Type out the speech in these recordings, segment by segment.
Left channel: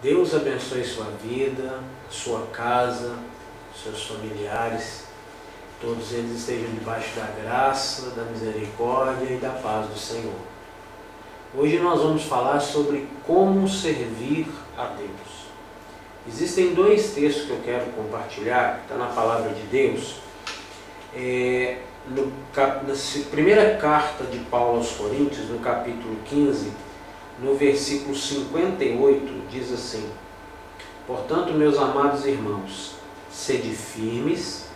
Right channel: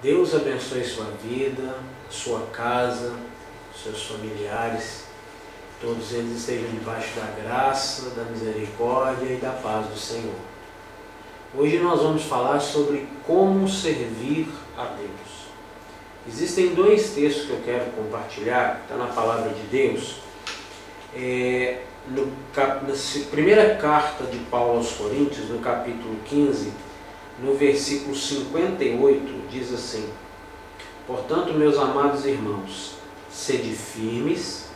Deus abençoe sua vida, sua casa, seus familiares, todos eles estejam debaixo da graça, da misericórdia e da paz do Senhor. Hoje nós vamos falar sobre como servir a Deus. Existem dois textos que eu quero compartilhar, está na palavra de Deus. Na primeira carta de Paulo aos Coríntios, no capítulo 15, no versículo 58, diz assim: portanto, meus amados irmãos, sede firmes,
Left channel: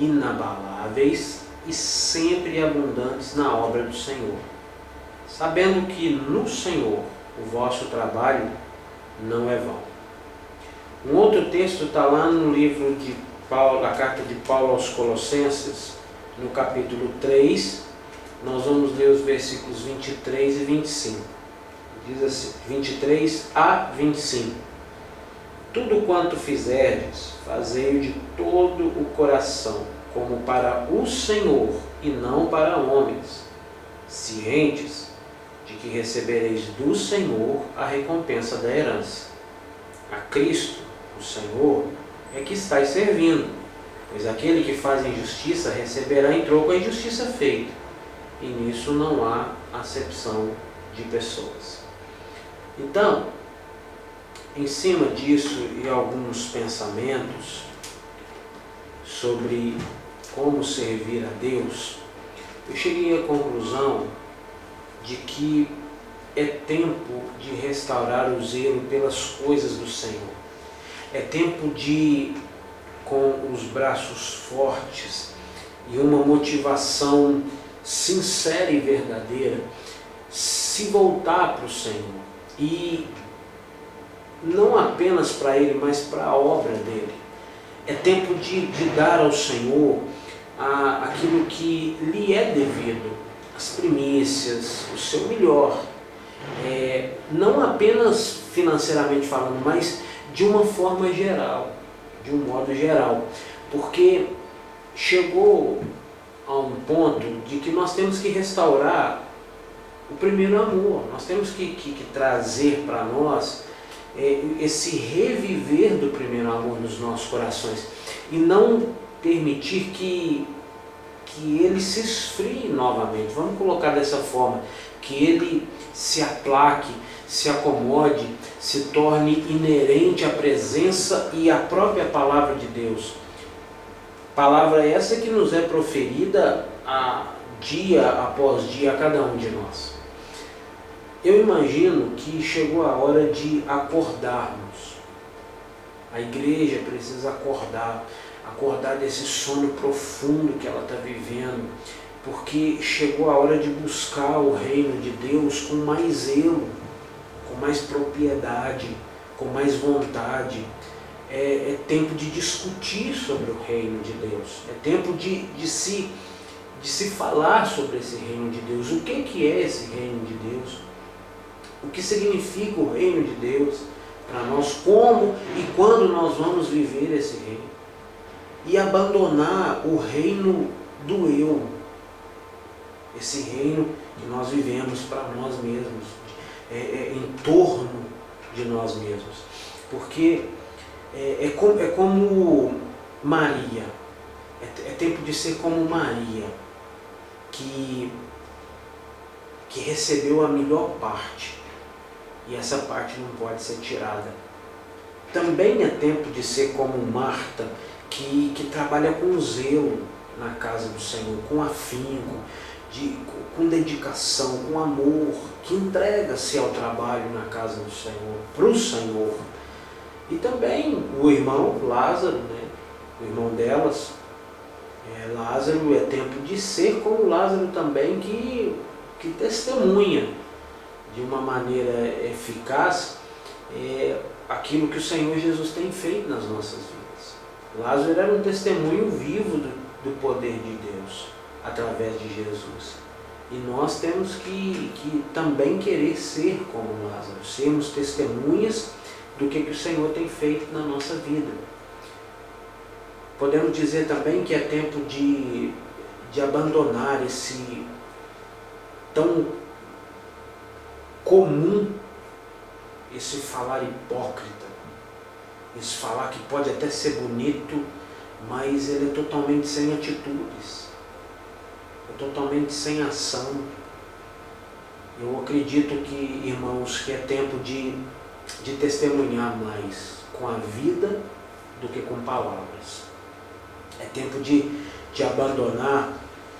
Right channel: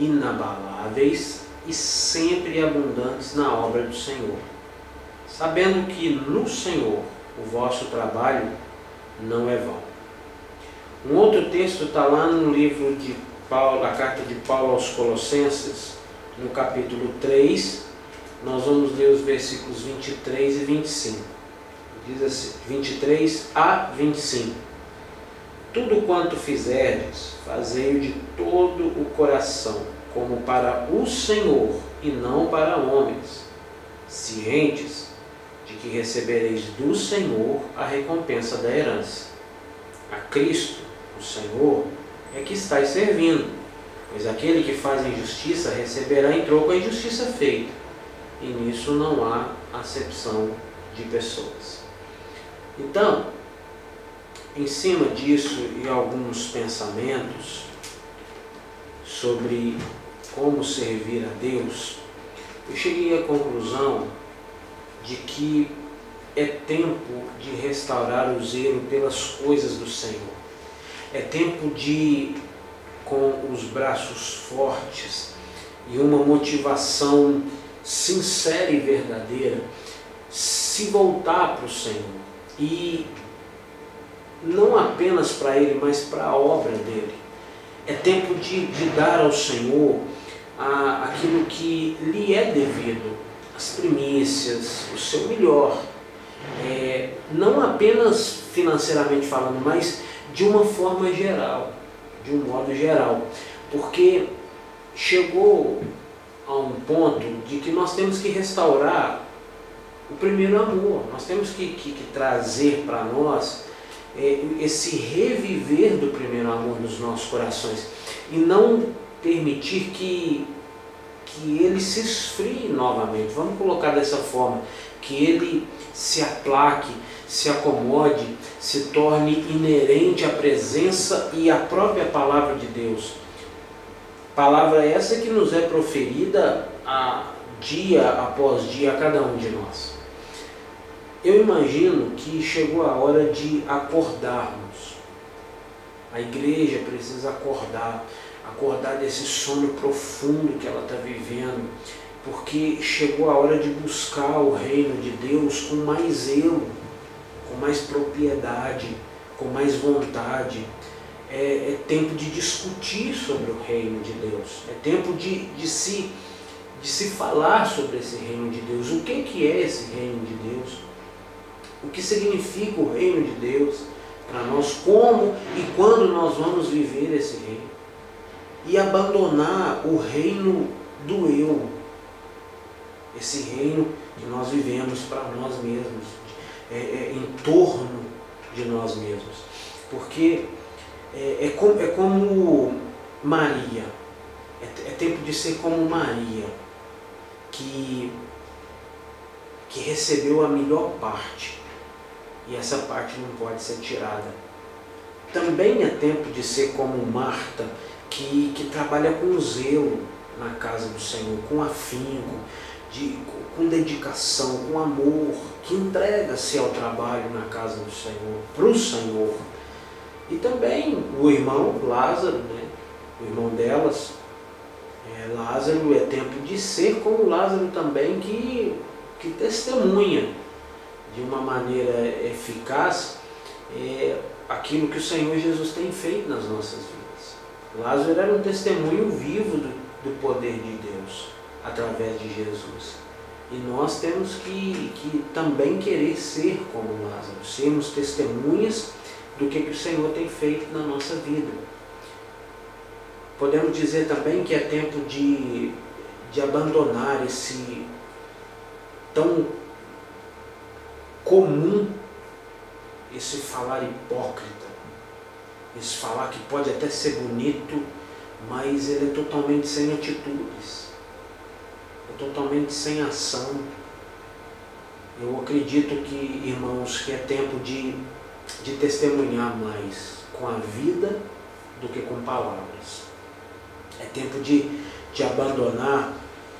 inabaláveis e sempre abundantes na obra do Senhor, sabendo que no Senhor o vosso trabalho não é vão. Um outro texto está lá no livro de Paulo, a carta de Paulo aos Colossenses, no capítulo 3, nós vamos ler os versículos 23 e 25. Diz assim, 23 a 25. Tudo quanto fizerdes, fazei-o de todo o coração, como para o Senhor e não para homens, cientes de que recebereis do Senhor a recompensa da herança. A Cristo, o Senhor, é que estáis servindo, pois aquele que faz injustiça receberá em troco a injustiça feita, e nisso não há acepção de pessoas. Então, em cima disso e alguns pensamentos sobre como servir a Deus, eu cheguei à conclusão de que é tempo de restaurar o zelo pelas coisas do Senhor. É tempo de, com os braços fortes e uma motivação sincera e verdadeira, se voltar para o Senhor. E não apenas para Ele, mas para a obra dEle. É tempo de dar ao Senhor aquilo que lhe é devido, as primícias, o seu melhor. Não apenas financeiramente falando, mas de uma forma geral, de um modo geral. Porque chegou a um ponto de que nós temos que restaurar o primeiro amor. Nós temos que trazer para nós esse reviver do primeiro amor nos nossos corações e não permitir que ele se esfrie novamente. Vamos colocar dessa forma, que ele se aplaque, se acomode, se torne inerente à presença e à própria palavra de Deus. Palavra essa que nos é proferida dia após dia a cada um de nós. Eu imagino que chegou a hora de acordarmos. A igreja precisa acordar desse sono profundo que ela está vivendo, porque chegou a hora de buscar o reino de Deus com mais zelo, com mais propriedade, com mais vontade. É tempo de discutir sobre o reino de Deus. É tempo de se falar sobre esse reino de Deus. O que é esse reino de Deus? O que significa o reino de Deus para nós? Como e quando nós vamos viver esse reino? E abandonar o reino do eu. Esse reino que nós vivemos para nós mesmos, em torno de nós mesmos. Porque é como Maria. É tempo de ser como Maria, que recebeu a melhor parte. E essa parte não pode ser tirada. Também é tempo de ser como Marta, que trabalha com zelo na casa do Senhor, com afinco, com dedicação, com amor, que entrega-se ao trabalho na casa do Senhor, para o Senhor. E também o irmão Lázaro, o irmão delas, Lázaro, é tempo de ser como Lázaro também, que testemunha de uma maneira eficaz aquilo que o Senhor Jesus tem feito nas nossas vidas. Lázaro era um testemunho vivo do poder de Deus através de Jesus. E nós temos que também querer ser como Lázaro, sermos testemunhas do que o Senhor tem feito na nossa vida. Podemos dizer também que é tempo de abandonar esse tão comum esse falar hipócrita, esse falar que pode até ser bonito, mas ele é totalmente sem atitudes, é totalmente sem ação. Eu acredito que, irmãos, que é tempo de testemunhar mais com a vida do que com palavras. É tempo de abandonar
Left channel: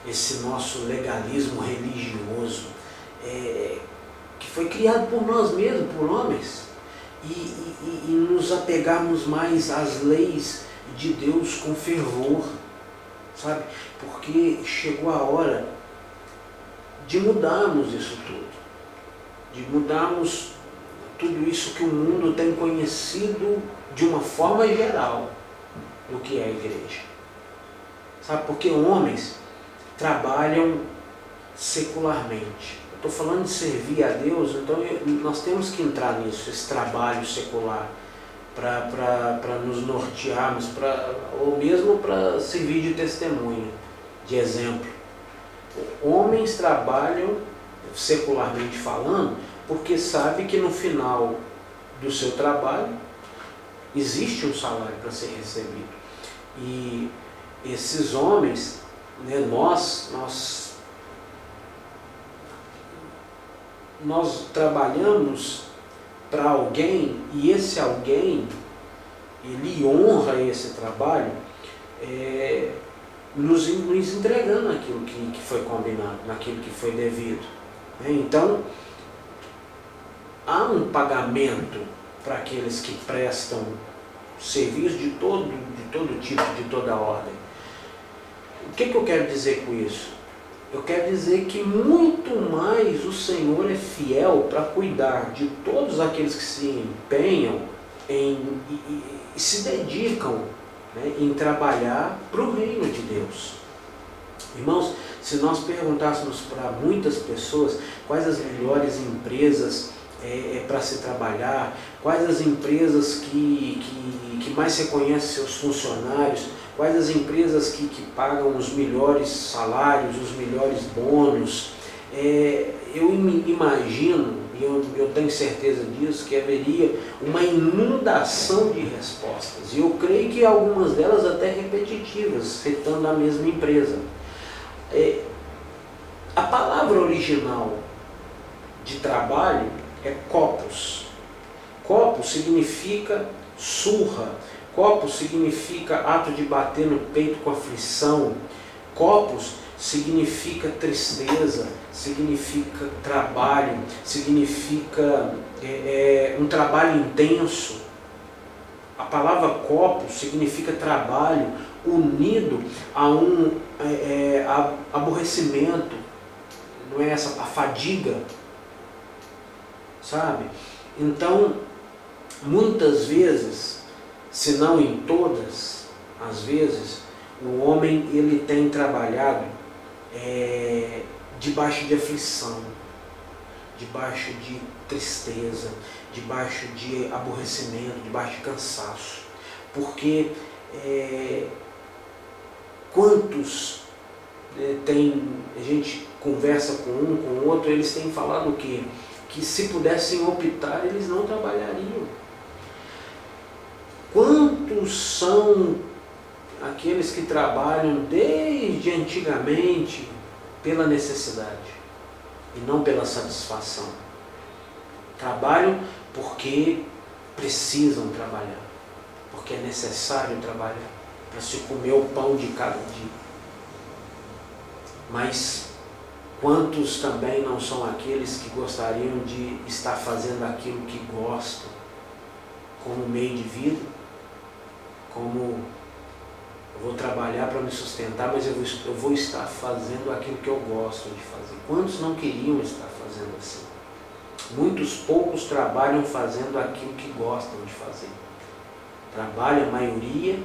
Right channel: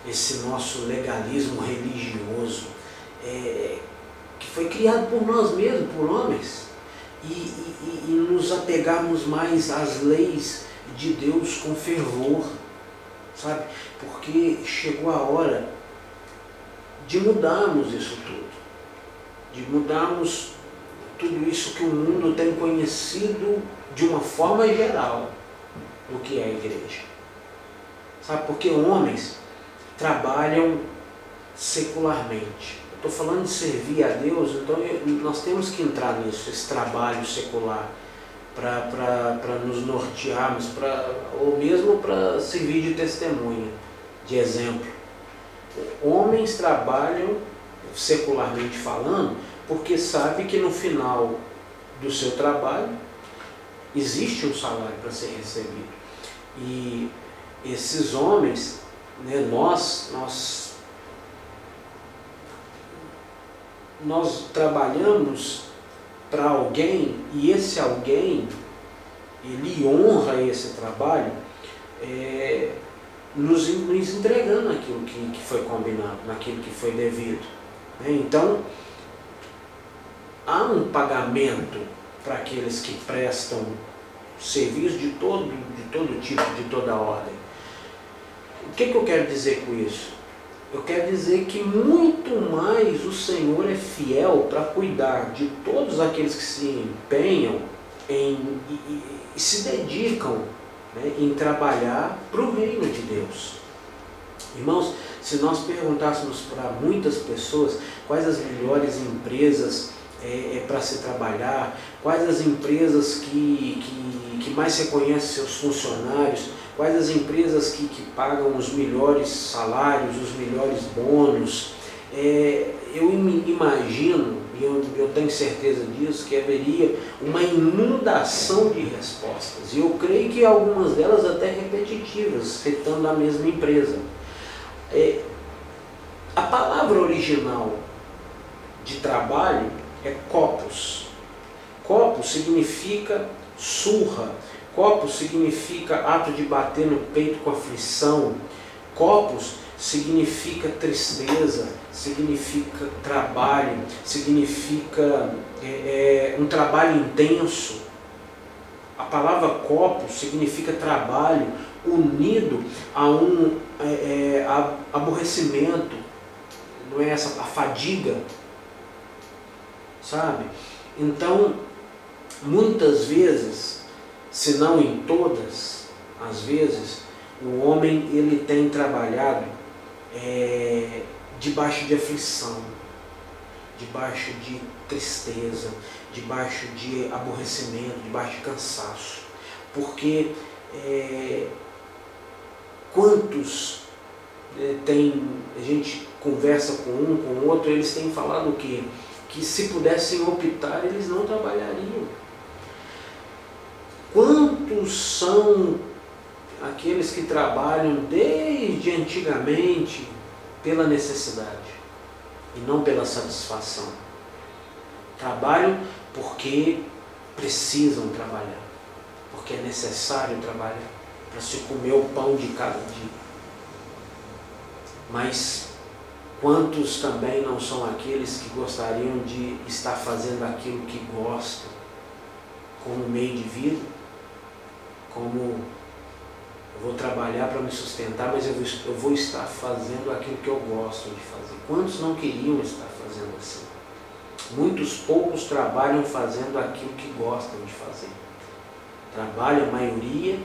esse nosso legalismo religioso, que foi criado por nós mesmos, por homens, e nos apegarmos mais às leis de Deus com fervor, sabe? Porque chegou a hora de mudarmos isso tudo, de mudarmos tudo isso que o mundo tem conhecido de uma forma geral do que é a igreja. Sabe? Porque homens trabalham secularmente. Eu estou falando de servir a Deus, então nós temos que entrar nisso, esse trabalho secular, para nos nortearmos, ou mesmo para servir de testemunha, de exemplo. Homens trabalham, secularmente falando, porque sabe que no final do seu trabalho existe um salário para ser recebido. E esses homens, né, nós trabalhamos para alguém, e esse alguém, ele honra esse trabalho, nos entregando aquilo que foi combinado, naquilo que foi devido. Então, há um pagamento para aqueles que prestam serviço de todo tipo, de toda ordem. O que eu quero dizer com isso? Eu quero dizer que muito mais o Senhor é fiel para cuidar de todos aqueles que se empenham e se dedicam, né, em trabalhar para o reino de Deus. Irmãos, se nós perguntássemos para muitas pessoas quais as melhores empresas para se trabalhar, quais as empresas que mais reconhecem seus funcionários, quais as empresas que pagam os melhores salários, os melhores bônus, eu imagino, e eu tenho certeza disso, que haveria uma inundação de respostas. E eu creio que algumas delas até repetitivas, citando a mesma empresa. A palavra original de trabalho é copos. Copos significa surra. Copos significa ato de bater no peito com aflição. Copos significa tristeza, significa trabalho, significa um trabalho intenso. A palavra copos significa trabalho unido a um aborrecimento, não é essa a fadiga, sabe? Então, muitas vezes, se não em todas as vezes, o homem ele tem trabalhado debaixo de aflição, debaixo de tristeza, debaixo de aborrecimento, debaixo de cansaço. Porque quantos a gente conversa com um, com o outro, eles têm falado o quê? Que se pudessem optar, eles não trabalhariam. Quantos são aqueles que trabalham desde antigamente pela necessidade e não pela satisfação? Trabalham porque precisam trabalhar, porque é necessário trabalhar para se comer o pão de cada dia. Mas quantos também não são aqueles que gostariam de estar fazendo aquilo que gostam como meio de vida? Como eu vou trabalhar para me sustentar, mas eu vou estar fazendo aquilo que eu gosto de fazer. Quantos não queriam estar fazendo assim? Muitos poucos trabalham fazendo aquilo que gostam de fazer. Trabalha, a maioria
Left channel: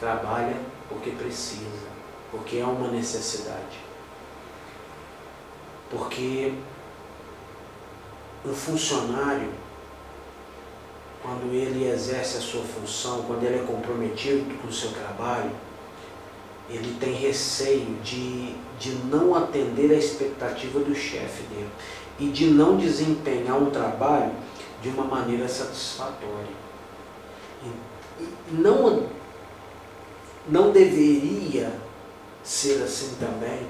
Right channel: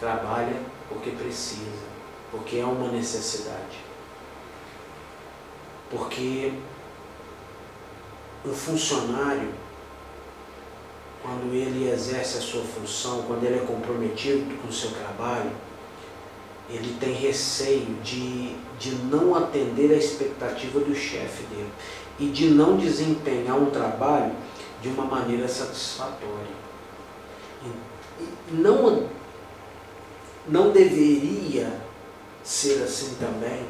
trabalha porque precisa, porque é uma necessidade. Porque um funcionário, quando ele exerce a sua função, quando ele é comprometido com o seu trabalho, ele tem receio de não atender a expectativa do chefe dele e de não desempenhar um trabalho de uma maneira satisfatória. E não deveria ser assim também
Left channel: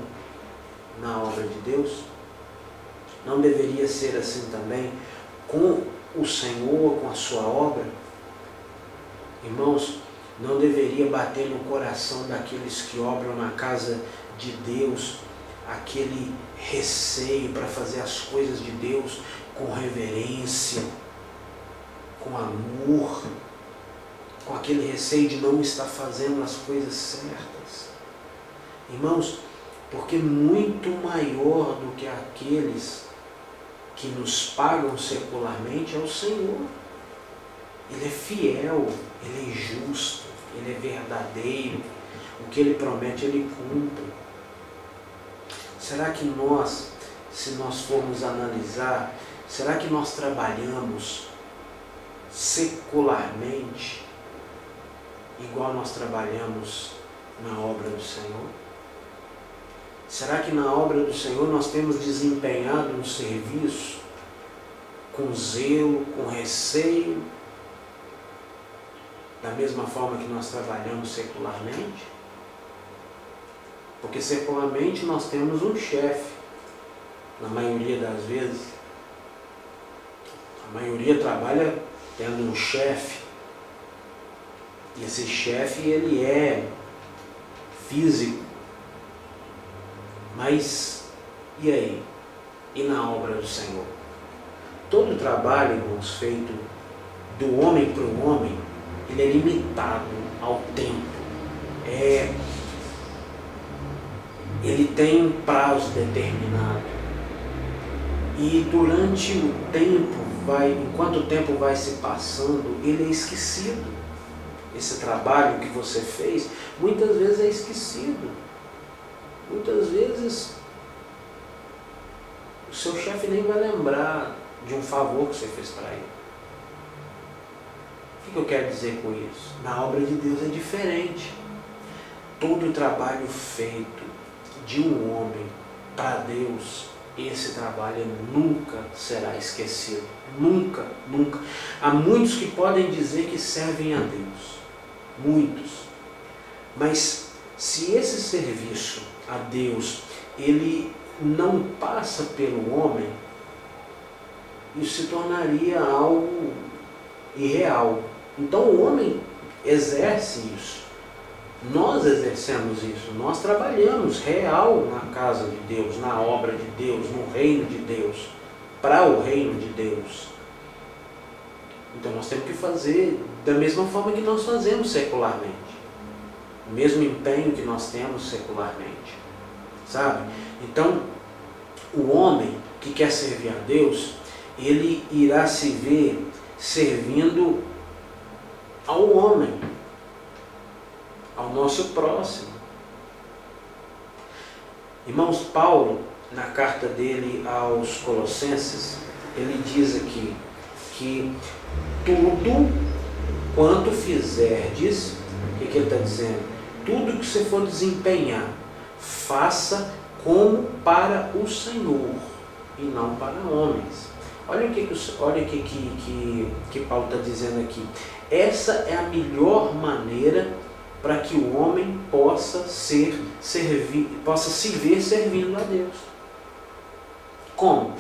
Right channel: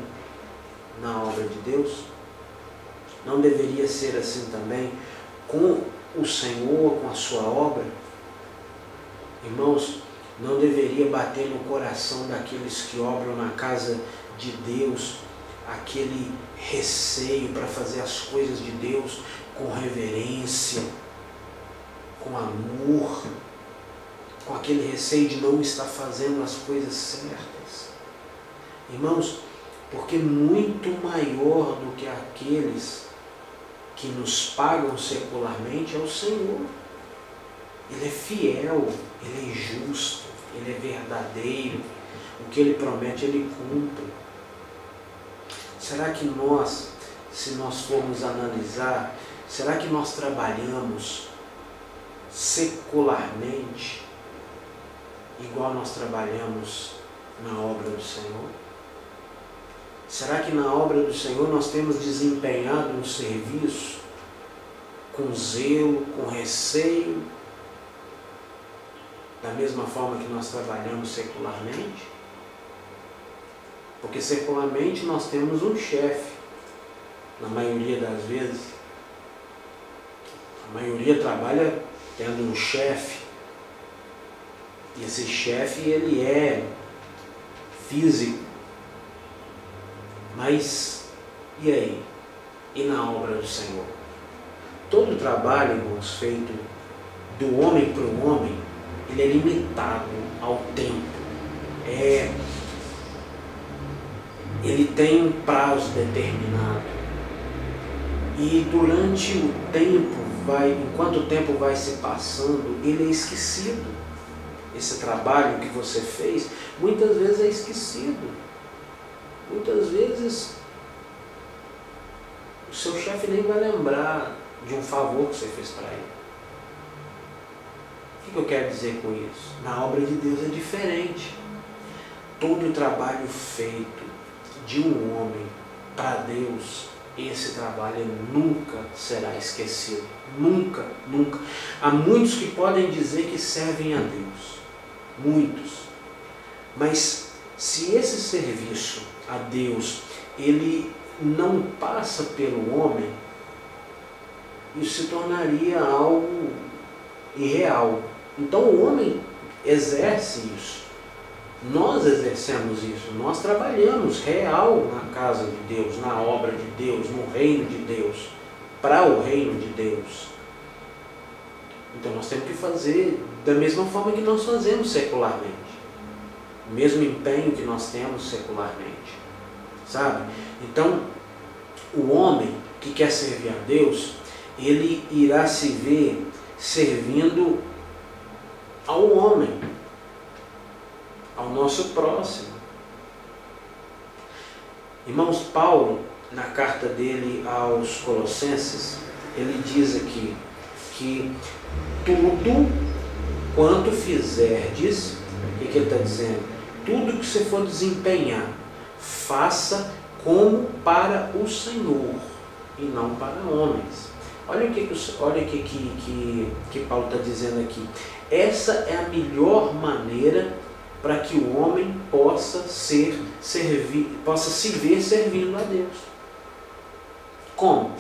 na obra de Deus? Não deveria ser assim também com o Senhor, com a sua obra? Irmãos, não deveria bater no coração daqueles que obram na casa de Deus aquele receio para fazer as coisas de Deus com reverência, com amor, com aquele receio de não estar fazendo as coisas certas? Irmãos, porque muito maior do que aqueles que nos pagam secularmente é o Senhor. Ele é fiel, Ele é justo, Ele é verdadeiro. O que Ele promete, Ele cumpre. Será que nós, se nós formos analisar, será que nós trabalhamos secularmente igual nós trabalhamos na obra do Senhor? Será que na obra do Senhor nós temos desempenhado um serviço com zelo, com receio, da mesma forma que nós trabalhamos secularmente? Porque secularmente nós temos um chefe, na maioria das vezes. A maioria trabalha tendo um chefe, e esse chefe ele é físico. Mas, e aí? E na obra do Senhor? Todo trabalho, irmãos, feito do homem para o homem, ele é limitado ao tempo. Ele tem um prazo determinado. E durante o tempo, enquanto o tempo vai se passando, ele é esquecido. Esse trabalho que você fez, muitas vezes é esquecido. Muitas vezes o seu chefe nem vai lembrar de um favor que você fez para ele. O que eu quero dizer com isso? Na obra de Deus é diferente. Todo o trabalho feito de um homem para Deus, esse trabalho nunca será esquecido. Nunca, nunca. Há muitos que podem dizer que servem a Deus. Muitos. Mas se esse serviço a Deus, ele não passa pelo homem, isso se tornaria algo irreal. Então o homem exerce isso. Nós exercemos isso. Nós trabalhamos real na casa de Deus, na obra de Deus, no reino de Deus, para o reino de Deus. Então nós temos que fazer da mesma forma que nós fazemos secularmente. O mesmo empenho que nós temos secularmente, sabe? Então, o homem que quer servir a Deus, ele irá se ver servindo ao homem, ao nosso próximo. Irmãos, Paulo, na carta dele aos Colossenses, ele diz aqui que tudo quanto fizerdes, o que ele está dizendo? Tudo que você for desempenhar, faça como para o Senhor e não para homens. Olha o que Paulo está dizendo aqui. Essa é a melhor maneira para que o homem possa se ver servindo a Deus. Como?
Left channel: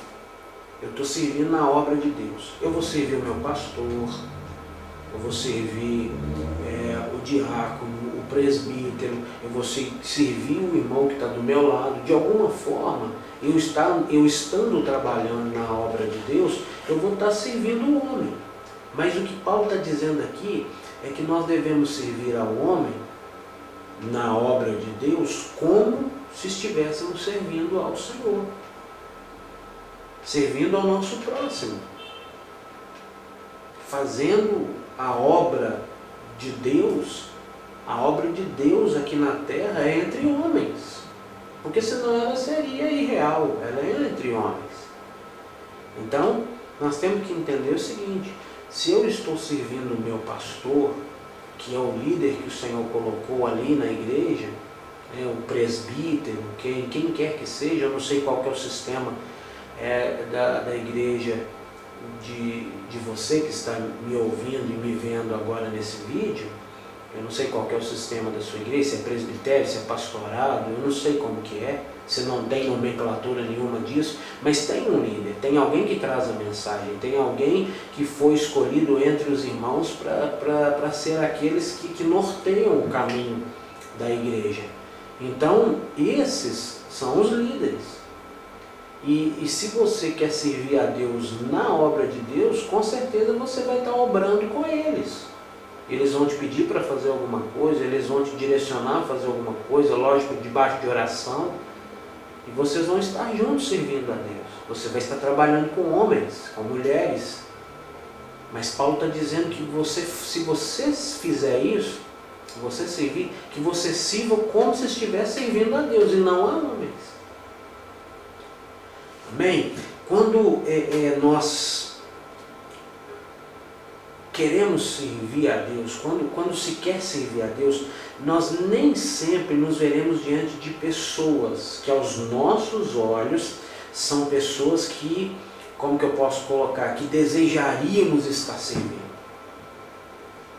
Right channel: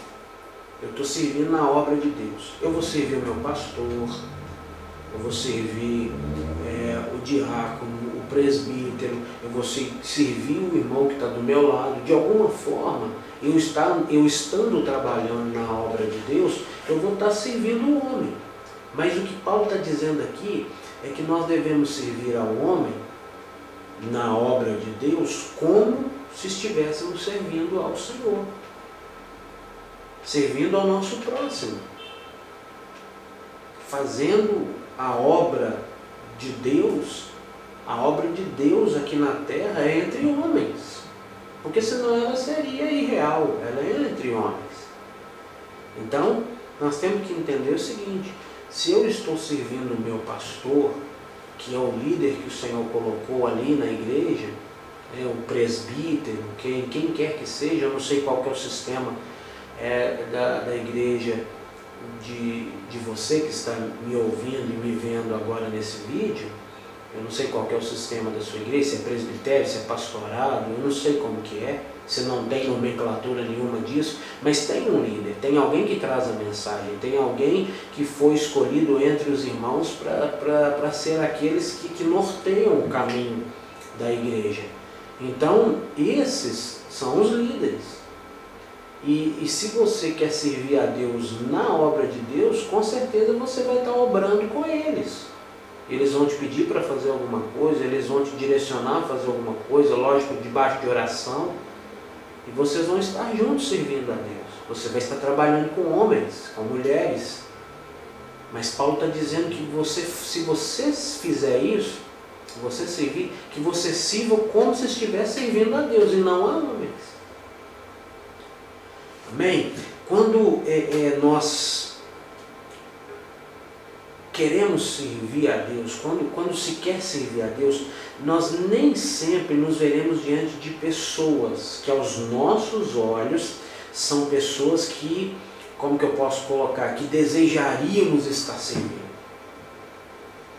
Eu estou servindo na obra de Deus. Eu vou servir o meu pastor, eu vou servir o diácono, o presbítero, eu vou servir o irmão que está do meu lado. De alguma forma, eu estando trabalhando na obra de Deus, eu vou estar servindo o homem. Mas o que Paulo está dizendo aqui é que nós devemos servir ao homem na obra de Deus como se estivéssemos servindo ao Senhor, servindo ao nosso próximo, fazendo a obra de Deus. A obra de Deus aqui na terra é entre homens, porque senão ela seria irreal, ela é entre homens. Então, nós temos que entender o seguinte: se eu estou servindo o meu pastor, que é o líder que o Senhor colocou ali na igreja, o presbítero, quem quer que seja, eu não sei qual que é o sistema da igreja de você que está me ouvindo e me vendo agora nesse vídeo. Eu não sei qual que é o sistema da sua igreja, se é presbitério, se é pastorado, eu não sei como que é, se não tem nomenclatura nenhuma disso, mas tem um líder, tem alguém que traz a mensagem, tem alguém que foi escolhido entre os irmãos para ser aqueles que norteiam o caminho da igreja. Então, esses são os líderes. E se você quer servir a Deus na obra de Deus, com certeza você vai estar obrando com eles. Eles vão te pedir para fazer alguma coisa, eles vão te direcionar a fazer alguma coisa, lógico, debaixo de oração. E vocês vão estar juntos servindo a Deus. Você vai estar trabalhando com homens, com mulheres. Mas Paulo está dizendo que se você fizer isso, você servir, que você sirva como se estivesse servindo a Deus e não a homens. Amém? Quando nós queremos servir a Deus, quando se quer servir a Deus, nós nem sempre nos veremos diante de pessoas que aos nossos olhos são pessoas que, como que eu posso colocar, que desejaríamos estar servindo.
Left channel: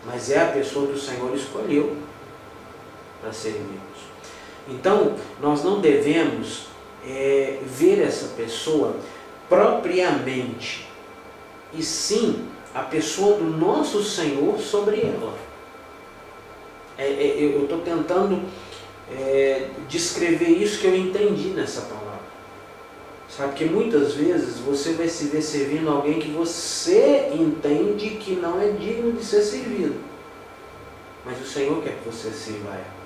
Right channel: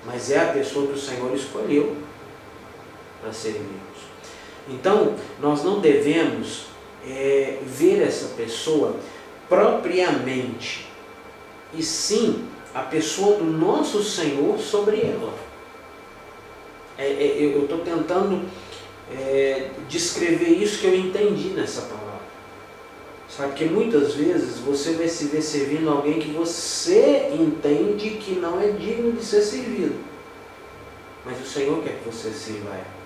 Mas é a pessoa que o Senhor escolheu para servirmos. Então, nós não devemos ver essa pessoa propriamente, e sim a pessoa do nosso Senhor sobre ela. Eu estou tentando descrever isso que eu entendi nessa palavra. Sabe, porque muitas vezes você vai se ver servindo alguém que você entende que não é digno de ser servido. Mas o Senhor quer que você sirva a ela.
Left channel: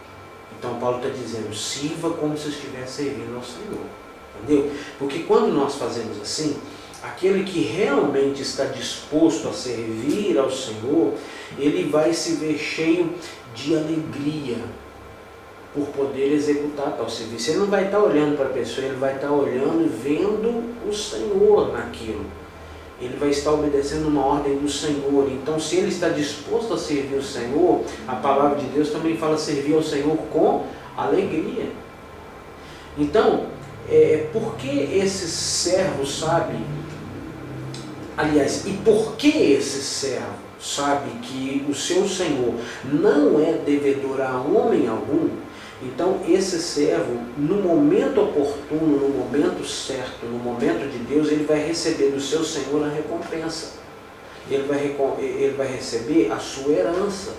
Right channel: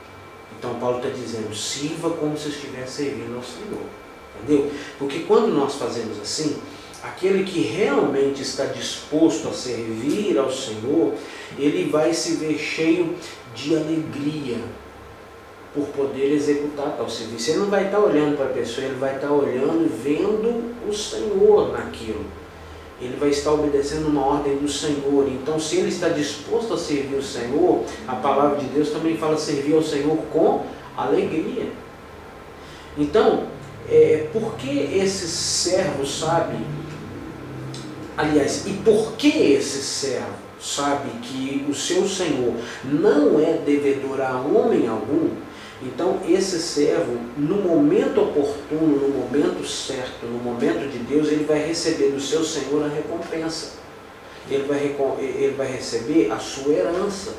Então Paulo está dizendo, sirva como se estivesse servindo ao Senhor. Entendeu? Porque quando nós fazemos assim, aquele que realmente está disposto a servir ao Senhor, ele vai se ver cheio de alegria por poder executar tal serviço. Ele não vai estar olhando para a pessoa, ele vai estar olhando e vendo o Senhor naquilo. Ele vai estar obedecendo uma ordem do Senhor. Então, se ele está disposto a servir o Senhor, a palavra de Deus também fala servir ao Senhor com alegria. Então, por que esse servo sabe, aliás, e por que esse servo sabe que o seu Senhor não é devedor a homem algum? Então esse servo, no momento oportuno, no momento certo, no momento de Deus, ele vai receber do seu Senhor a recompensa. Ele vai receber a sua herança.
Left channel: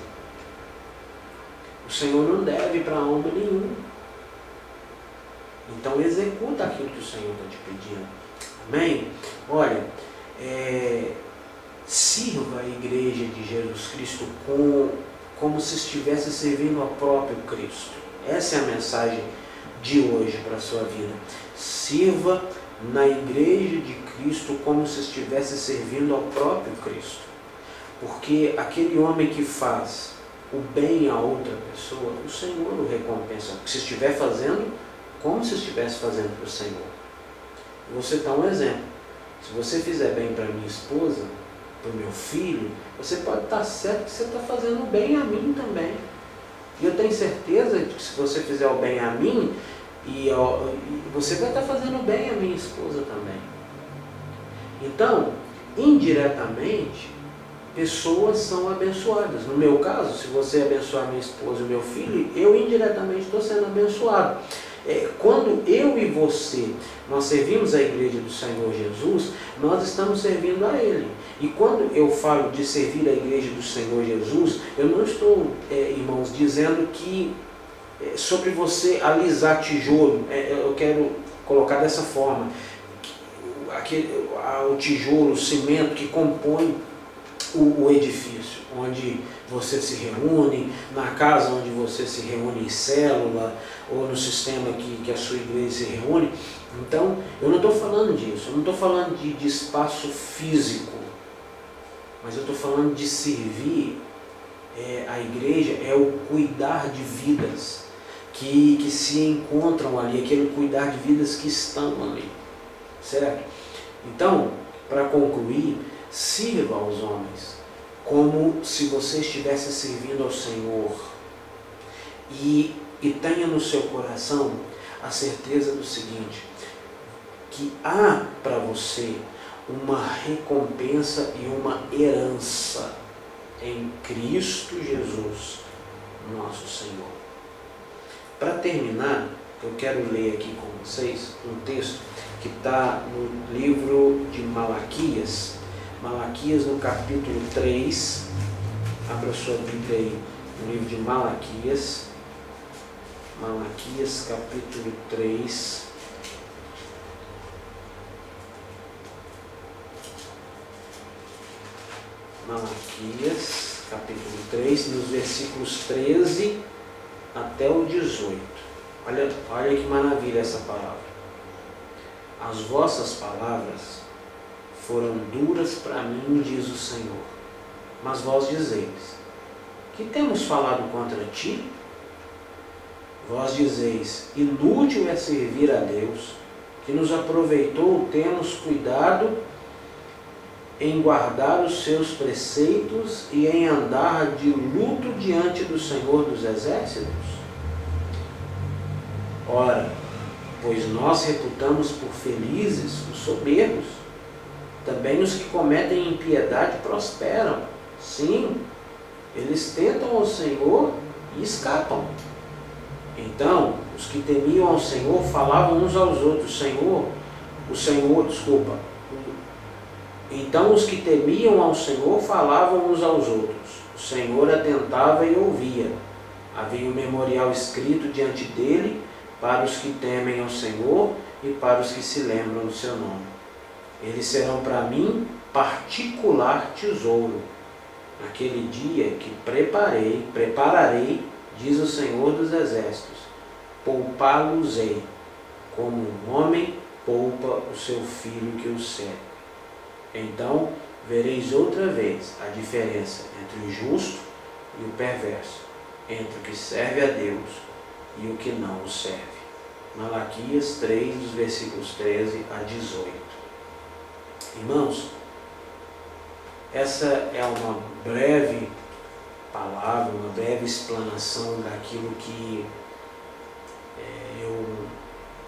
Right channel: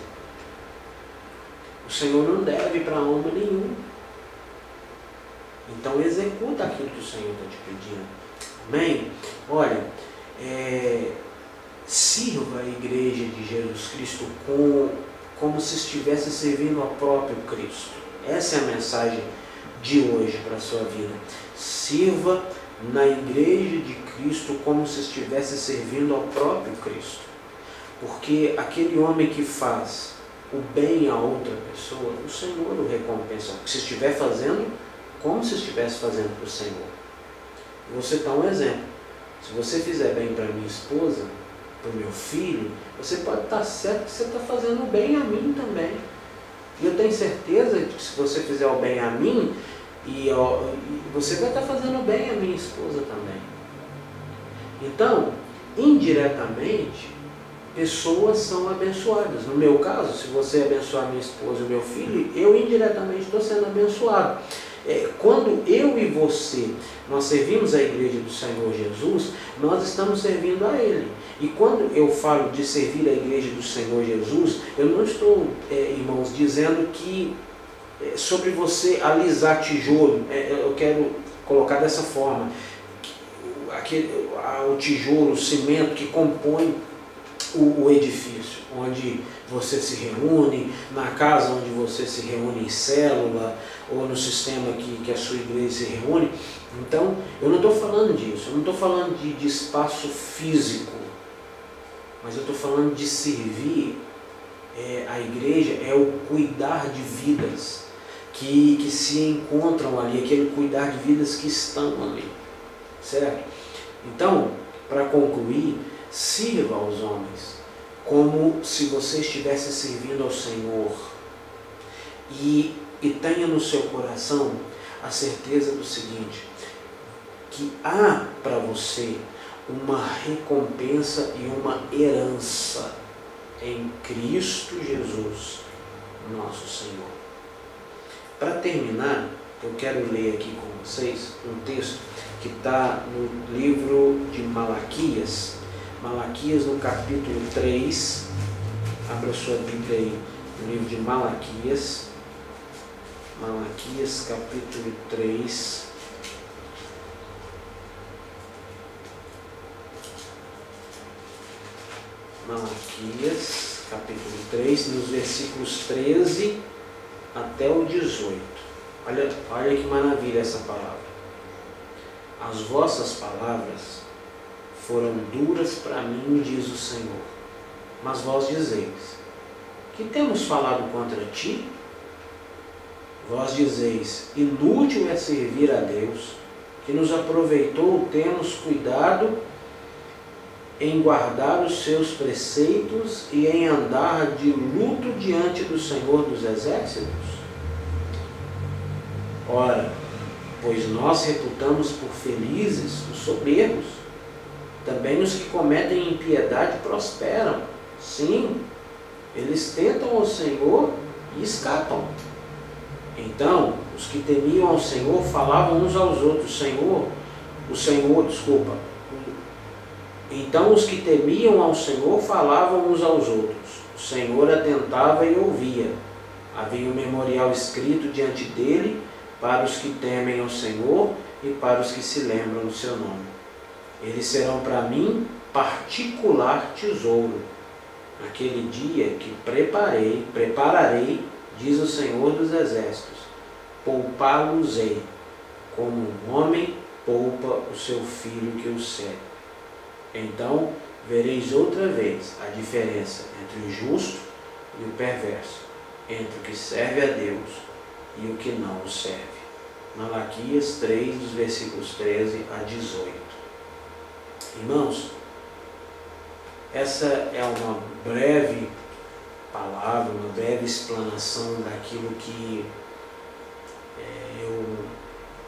O Senhor não deve para alma nenhum. Então executa aquilo que o Senhor está te pedindo. Amém? Olha, sirva a igreja de Jesus Cristo como se estivesse servindo ao próprio Cristo. Essa é a mensagem de hoje para a sua vida. Sirva na igreja de Cristo como se estivesse servindo ao próprio Cristo. Porque aquele homem que faz o bem a outra pessoa, o Senhor o recompensa. Se estiver fazendo, como se estivesse fazendo para o Senhor. Vou citar um exemplo. Se você fizer bem para minha esposa, para o meu filho, você pode estar certo que você está fazendo bem a mim também. E eu tenho certeza de que se você fizer o bem a mim, você vai estar fazendo bem a minha esposa também. Então, indiretamente, pessoas são abençoadas. No meu caso, se você abençoar minha esposa e meu filho, eu indiretamente estou sendo abençoado. Quando eu e você, nós servimos a igreja do Senhor Jesus, nós estamos servindo a Ele. E quando eu falo de servir a igreja do Senhor Jesus, eu não estou, irmãos, dizendo que sobre você alisar tijolo, eu quero colocar dessa forma, o tijolo, o cimento que compõe o edifício, onde você se reúne, na casa onde você se reúne em célula, ou no sistema que a sua igreja se reúne. Então, eu não estou falando disso, eu não estou falando de espaço físico, mas eu estou falando de servir a igreja, é o cuidar de vidas que se encontram ali, aquele cuidar de vidas que estão ali, certo? Então, para concluir, sirva aos homens como se você estivesse servindo ao Senhor e tenha no seu coração a certeza do seguinte, que há para você uma recompensa e uma herança em Cristo Jesus, nosso Senhor. Para terminar, eu quero ler aqui com vocês um texto que está no livro de Malaquias, Malaquias no capítulo 3, abra sua Bíblia aí, no livro de Malaquias, Malaquias capítulo 3, Malaquias capítulo 3, nos versículos 13 até o 18. Olha que maravilha essa palavra. As vossas palavras foram duras para mim, diz o Senhor, mas vós dizeis: que temos falado contra ti? Vós dizeis: inútil é servir a Deus, que nos aproveitou termos cuidado em guardar os seus preceitos e em andar de luto diante do Senhor dos Exércitos? Ora, pois nós reputamos por felizes os soberbos, também os que cometem impiedade prosperam. Sim, eles tentam ao Senhor e escapam. Então, os que temiam ao Senhor falavam uns aos outros: Então os que temiam ao Senhor falavam uns aos outros. O Senhor atentava e ouvia. Havia um memorial escrito diante dele para os que temem ao Senhor e para os que se lembram do seu nome. Eles serão para mim particular tesouro. Naquele dia que prepararei, diz o Senhor dos Exércitos, poupá-los-ei, como um homem poupa o seu filho que o serve. Então vereis outra vez a diferença entre o justo e o perverso, entre o que serve a Deus e o que não o serve. Malaquias 3, dos versículos 13 a 18. Irmãos, essa é uma breve palavra, uma breve explanação daquilo que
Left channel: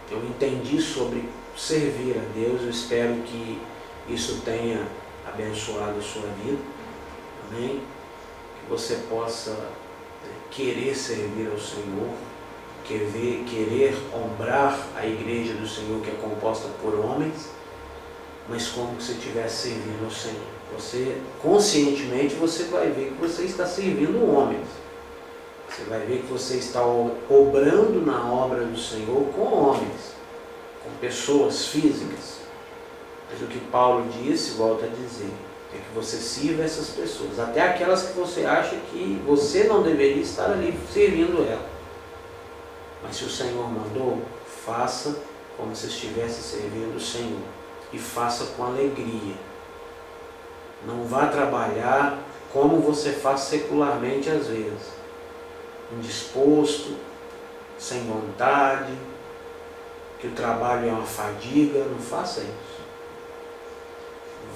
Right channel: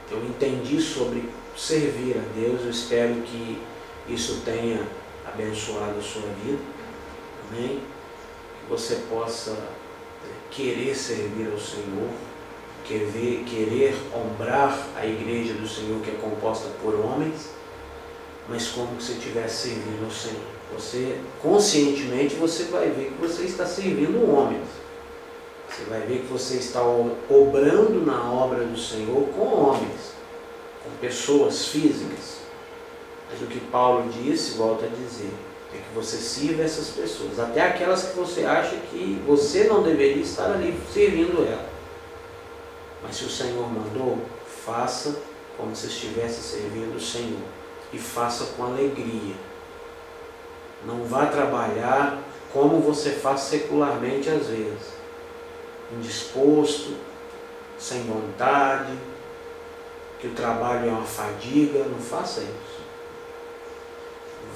eu entendi sobre servir a Deus. Eu espero que isso tenha abençoado a sua vida, amém? Que você possa querer servir ao Senhor, querer honrar a igreja do Senhor, que é composta por homens, mas como se estivesse servindo ao Senhor. Você, conscientemente, você vai ver que você está servindo homens. Você vai ver que você está obrando na obra do Senhor com homens, com pessoas físicas. Mas o que Paulo disse, volta a dizer, é que você sirva essas pessoas, até aquelas que você acha que você não deveria estar ali servindo ela. Mas se o Senhor mandou, faça como se estivesse servindo o Senhor, e faça com alegria. Não vá trabalhar como você faz secularmente às vezes, indisposto, sem vontade, que o trabalho é uma fadiga. Não faça isso.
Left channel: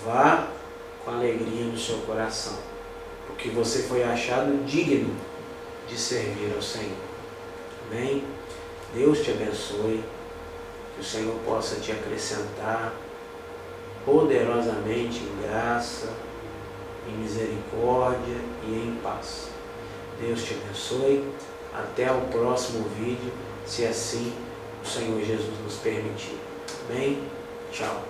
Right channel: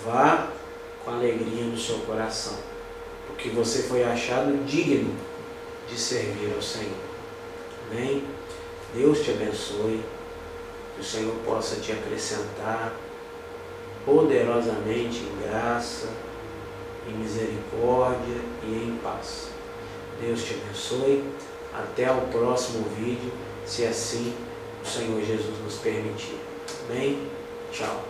Vá com alegria no seu coração, porque você foi achado digno de servir ao Senhor. Amém? Deus te abençoe, que o Senhor possa te acrescentar poderosamente em graça, em misericórdia e em paz. Deus te abençoe. Até o próximo vídeo, se assim o Senhor Jesus nos permitir. Amém? Tchau.